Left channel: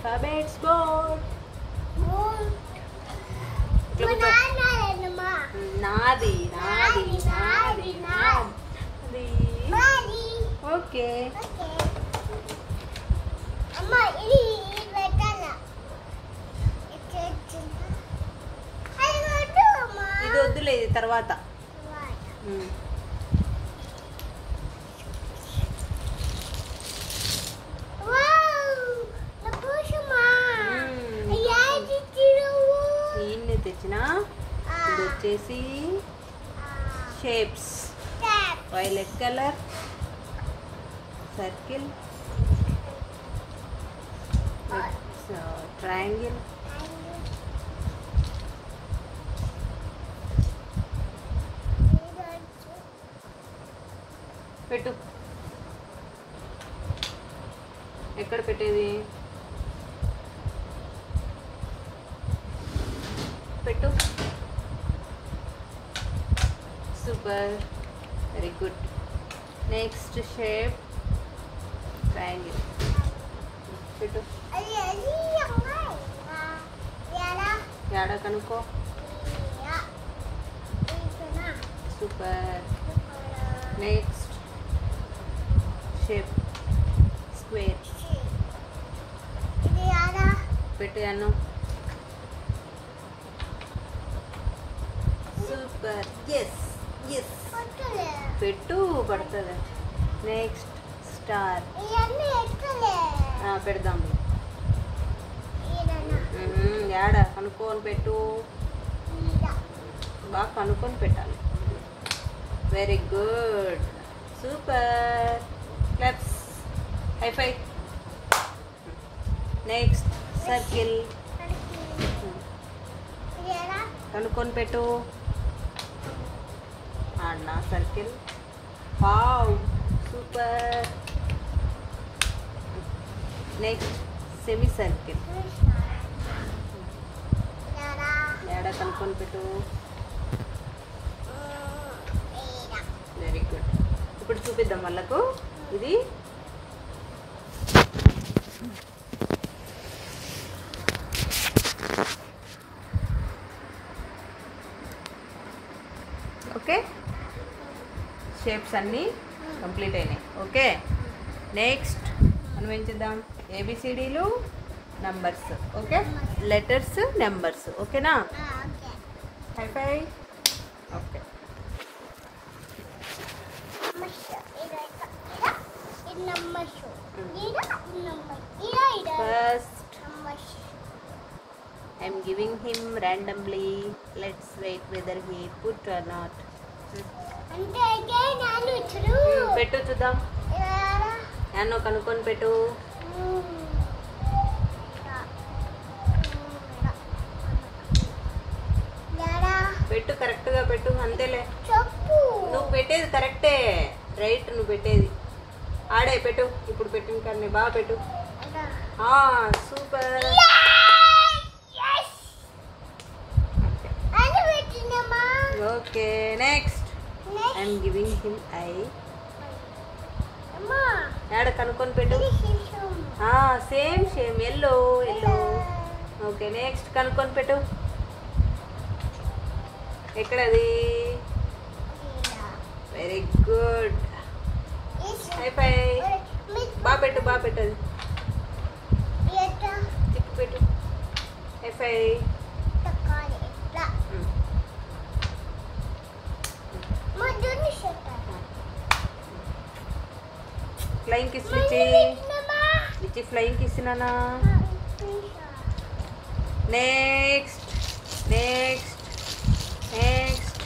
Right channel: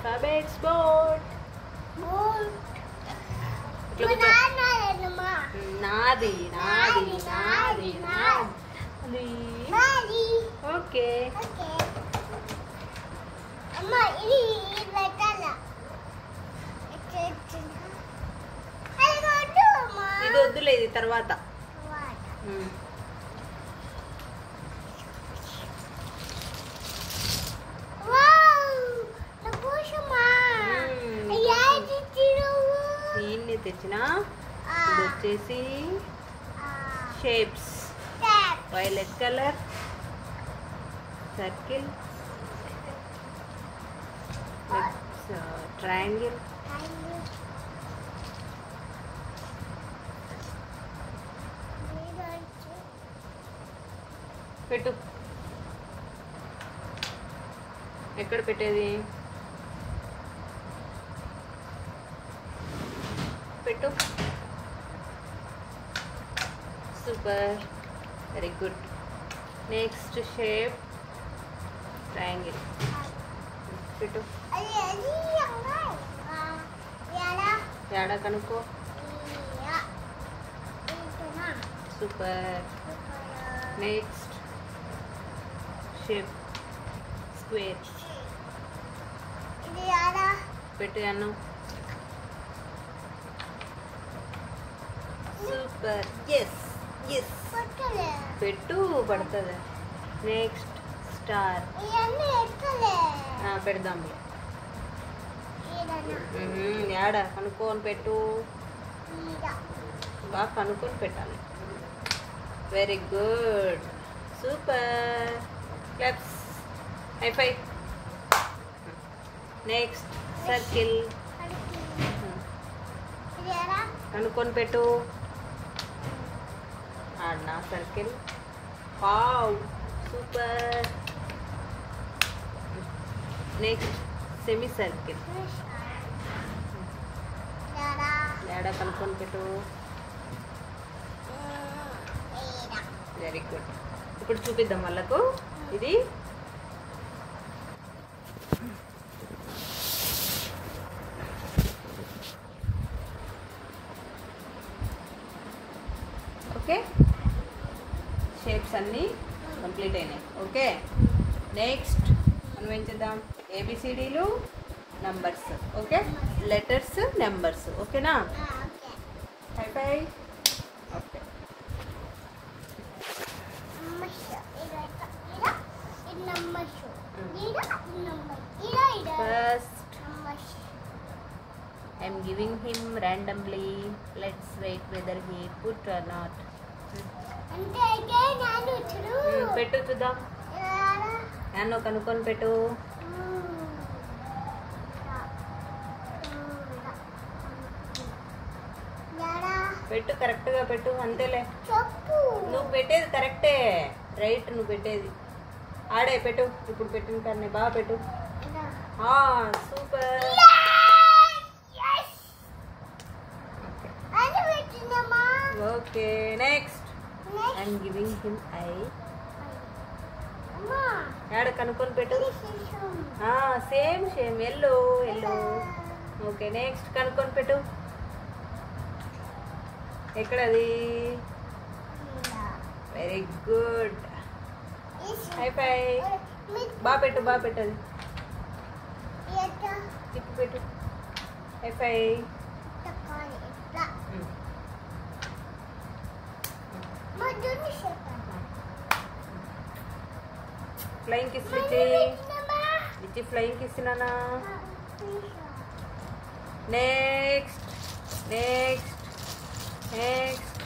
Alphabets board. నాది నాది నాది నాది. ఓకే. ఇది వద్దులే, ఇది తర్వాత. దీన్ని తెచ్చిన. ఇది వచ్చేసి shapes. Violet colour circle, triangle, పెట్టు. ఎక్కడ పెట్టేది? పెట్టు. Super, very good. Next shape triangle. పెట్టు. యాడ కనుక్కో. సూపర్. Next shape square. పెట్టు అన్ను. సూపర్. ఎస్ ఎస్, పెట్టు, పడుతుంది. Next star. పెడదాం. యాడ కనుక్కొని పెట్టు. బాగా కనుక్కొని పెట్టాలి. Very good, super. Claps, high five. Next circle. కనుక్కొని పెట్టు. ఆడనా circle. Wow, super. Next semi circle. ఏడా కనుక్కొని పెట్టు. Very good. ఇప్పుడు చూపిద్దాం వాళ్ళకు. ఇది ఓకే. షేప్స్ అన్నీ కంప్లీట్ అయినాయి. ఓకే. నెక్స్ట్ మనం ఏం చేద్దాం? ఏబిసిడీలు, నెంబర్స్. Okay, letters, numbers. ఓకేనా? High five. Okay. First, I'm giving him randomly. Let's wait whether he put or not. పెట్టు చూద్దాం. యాన్నో కనుక్కొని పెట్టు. పెట్టు, కరెక్ట్గా పెట్టు. అంతేలే, నువ్వు పెట్టేది కరెక్టే. రైట్, నువ్వు పెట్టేది. ఆడే పెట్టు. ఇప్పుడు పెట్టిన కానీ బాగా పెట్టు. Super. Okay. Next I'm giving him I. యాడ కనుక్కొని పెట్టు. Same same, yellow yellow. Okay. Next కనుక్కొని పెట్టు. ఎక్కడది? Very good. High five. బాగా పెట్టు, బాగా పెట్టదు. తిప్పి పెట్టు. High five. ఫ్లయింగ్ కిస్ ఇచ్చి ఫ్లయింగ్ కిస్ నానా. Next next next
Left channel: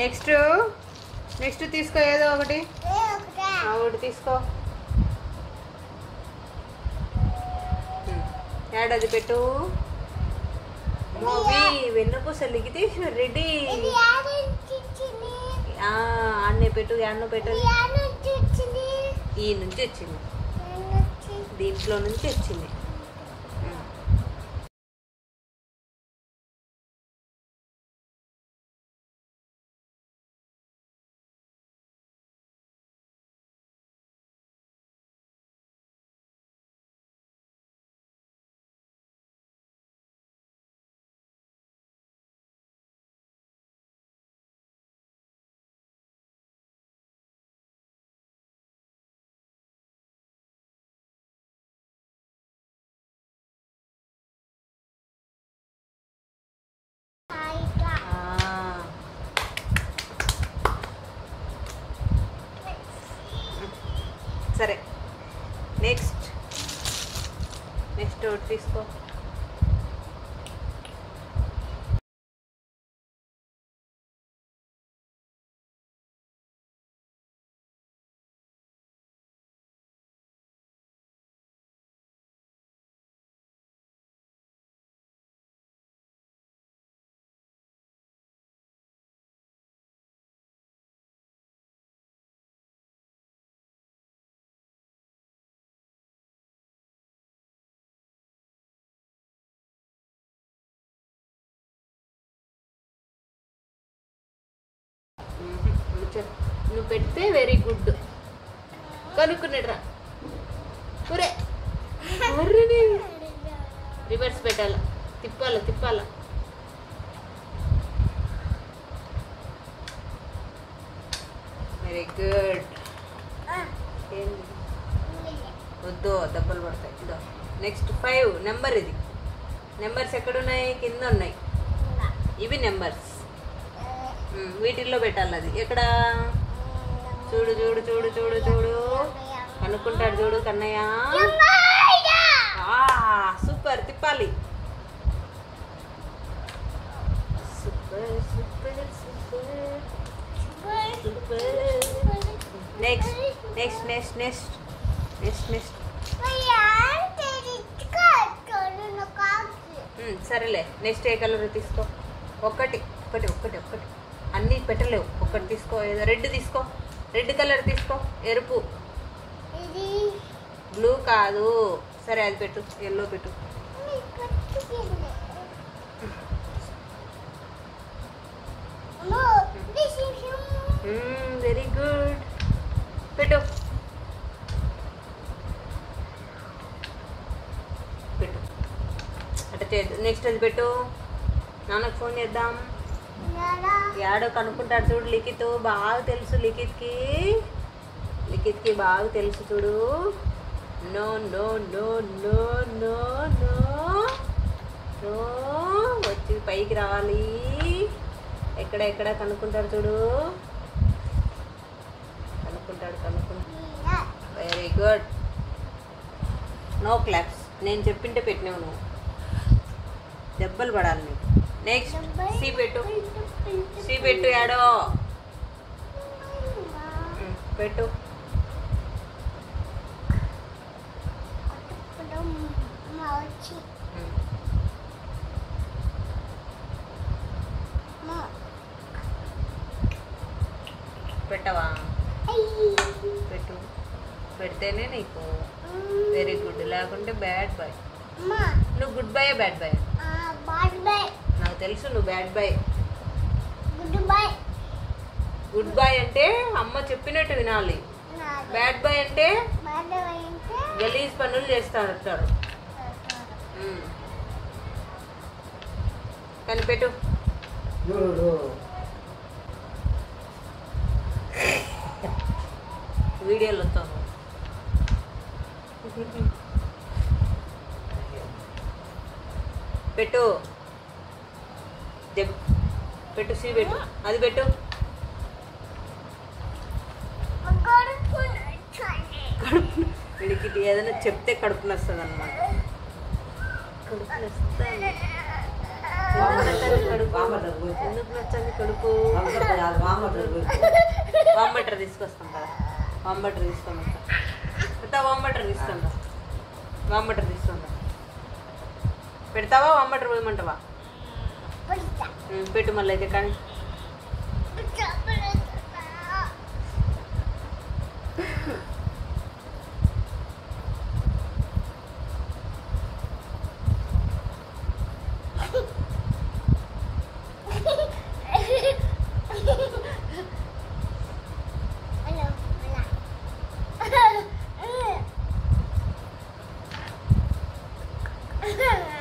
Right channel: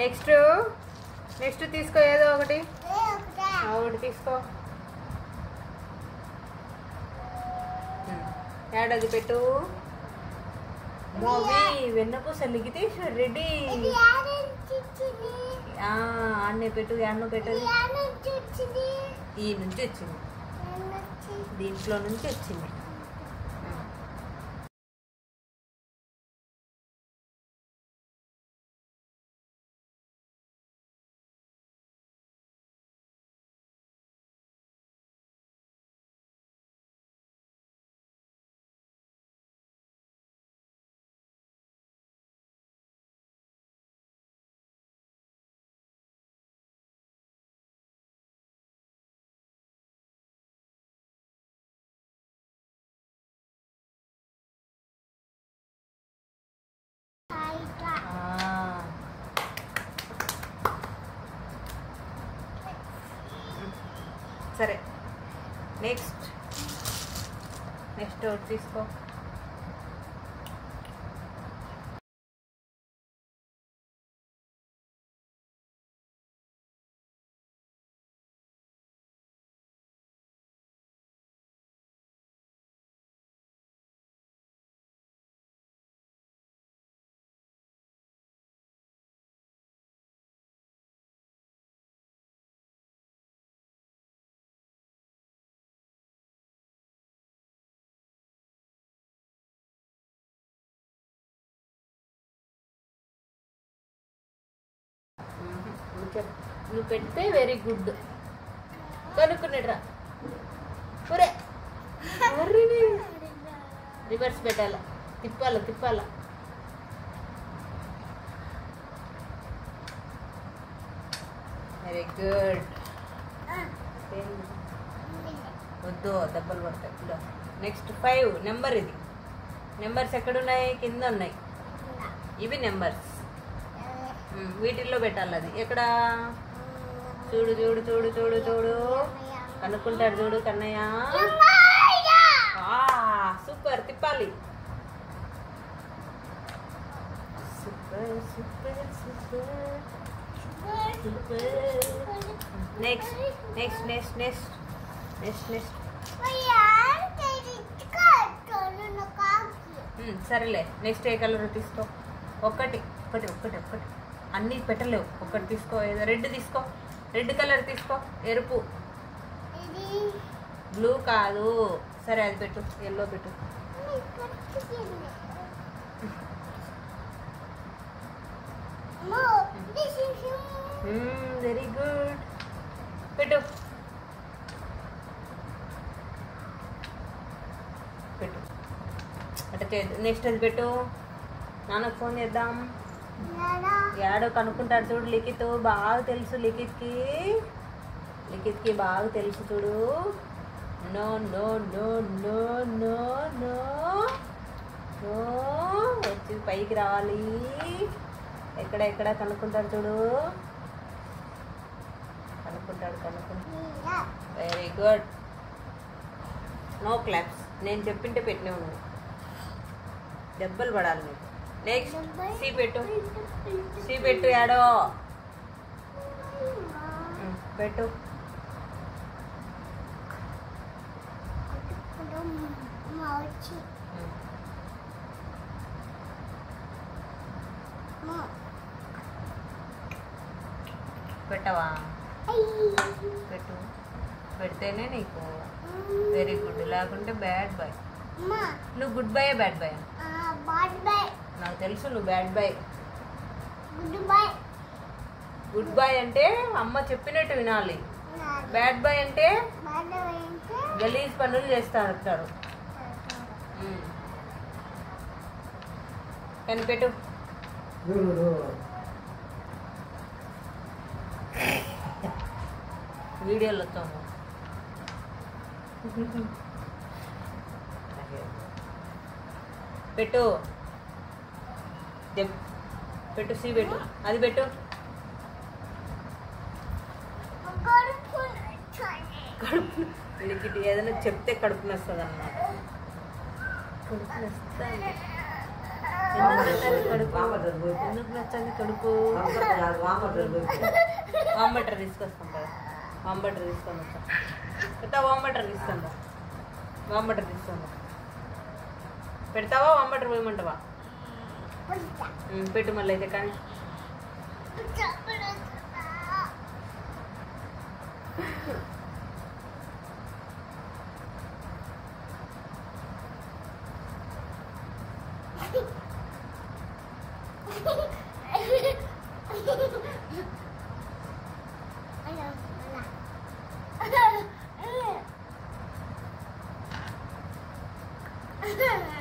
next next తీసుకో. ఏదో ఒకటి ఒకటి తీసుకో. యాడది పెట్టు. మూవీ వెన్నపూస లిగితే రెడీ. ఆడనే పెట్టు. యాన్నో పెట్టదు. ఈ నుంచి వచ్చింది, దీంట్లో నుంచి వచ్చింది. సరే నెక్స్ట్ ఒకటి తీసుకో. నువ్వు పెడితే వెరీ గుడ్. కనుక్కున్నాడ్రా. ఒరే రివర్స్ పెట్టాల, తిప్పాల. Very good. వద్దు దెబ్బలు పడతాయి. ఇదో నెక్స్ట్ 5 నెంబర్. ఇది నెంబర్స్ ఎక్కడున్నాయి? కింద ఉన్నాయి. ఇవి నెంబర్స్. వీటిల్లో పెట్టాలి. అది ఎక్కడ? చూడు కనుక్కుంటాడు చూడు కన్నయ్య. సూపర్. తిప్పాలి. నెక్స్ట్ సరేలే. నెక్స్ట్ ఏ కలర్ తీసుకో? ఒకటి అన్నీ పెట్టలేవు. ఒకటి తీసుకో. ఏదో రెడ్ తీసుకో. రెడ్ కలర్ తీసుకో. ఎరుపు. బ్లూ కాదు. సరే అది పెట్టు. ఎల్లో పెట్టు. Very good. పెట్టు. అట్లా చేయద్దు. నెక్స్ట్ అది పెట్టు. నాన్నకు ఫోన్ చేద్దాం. యాడో కనుక్కుంటాడు చూడు. లిఖిత్ బాగా తెలుసు. లిఖిత్కి బాగా తెలుసు చూడు. నో వచ్చి పైకి రావాలి. ఎక్కడ కనుక్కుంటాడు చూడు. కనుక్కుంటాడు. Very good. No claps. నేను చెప్పింటే పెట్టినావు నువ్వు. దెబ్బలు పడాలి నీకు. నెక్స్ట్ సి పెట్టు. యాడో పెట్టు. పెట్టవా? పెట్టు. పెడితేనే నీకు వెరీ గుడ్. లేకుంటే బ్యాడ్ బాయ్. నువ్వు గుడ్ బాయ్ బ్యాడ్ బాయ్? నాకు తెలుసు నువ్వు బ్యాడ్ బాయ్. గుడ్ బాయ్ అంటే అమ్మ చెప్పినట్టు వినాలి. బ్యాడ్ బాయ్ అంటే గలీజ్ పనులు చేస్తారు. కనిపెట్టు. వీడియోలో వస్తాను. పెట్టు. సి పెట్టు. అది పెట్టు. వీడికి ఏదైనా చెప్తే కడుపు నస్తుంది అన్నమాట. ఎందుకు నచ్చండి కడుపు? వాంబటర్ తీసుకొస్తాం కదా. వాంబటర్ తీసుకొని వాంబటర్ తీసుకుంటా. పెడతావా? వాంబటర్ పోయమంటావా? పెట్టు మళ్ళీ అయితే. కానీ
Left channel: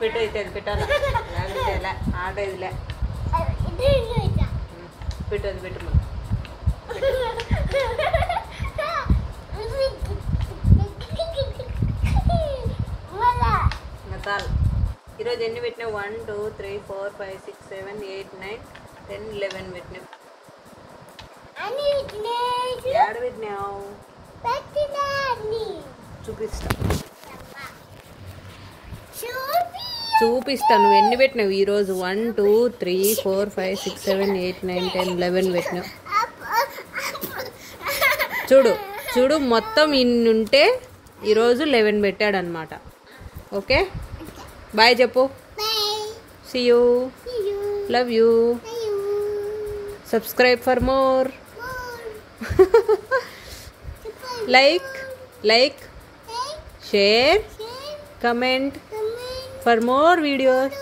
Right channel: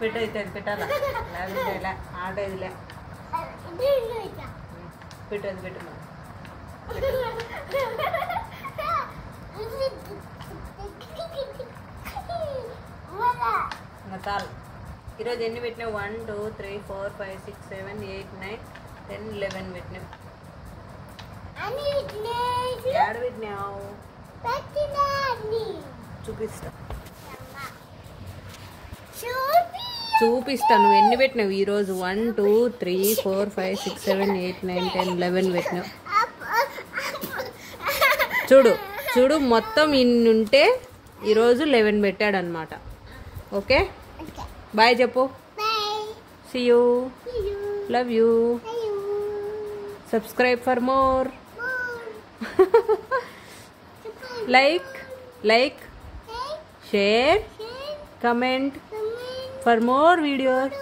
పెట్టు. అయితే అది పెట్టాలా? లేకపోతే ఆట ఇదిలే. పెట్టు. అది పెట్టు. ఇంకా చాలు. ఈరోజు ఎన్ని పెట్టినావు? 1 2 3 4 5 6 7 8 9 10 11 పెట్టినావు. ఏడు పెట్టినావు? చూపిస్తా నువ్వు ఎన్ని పెట్టినావు ఈరోజు. 1 2 3 4 5 6 7 8 9 10 11 పెట్టినావు. చూడు చూడు మొత్తం ఇన్ని ఉంటే ఈరోజు 11 పెట్టాడు అనమాట. ఓకే బాయ్ చెప్పు. See you. Love you. Subscribe for more. like share comment for more videos.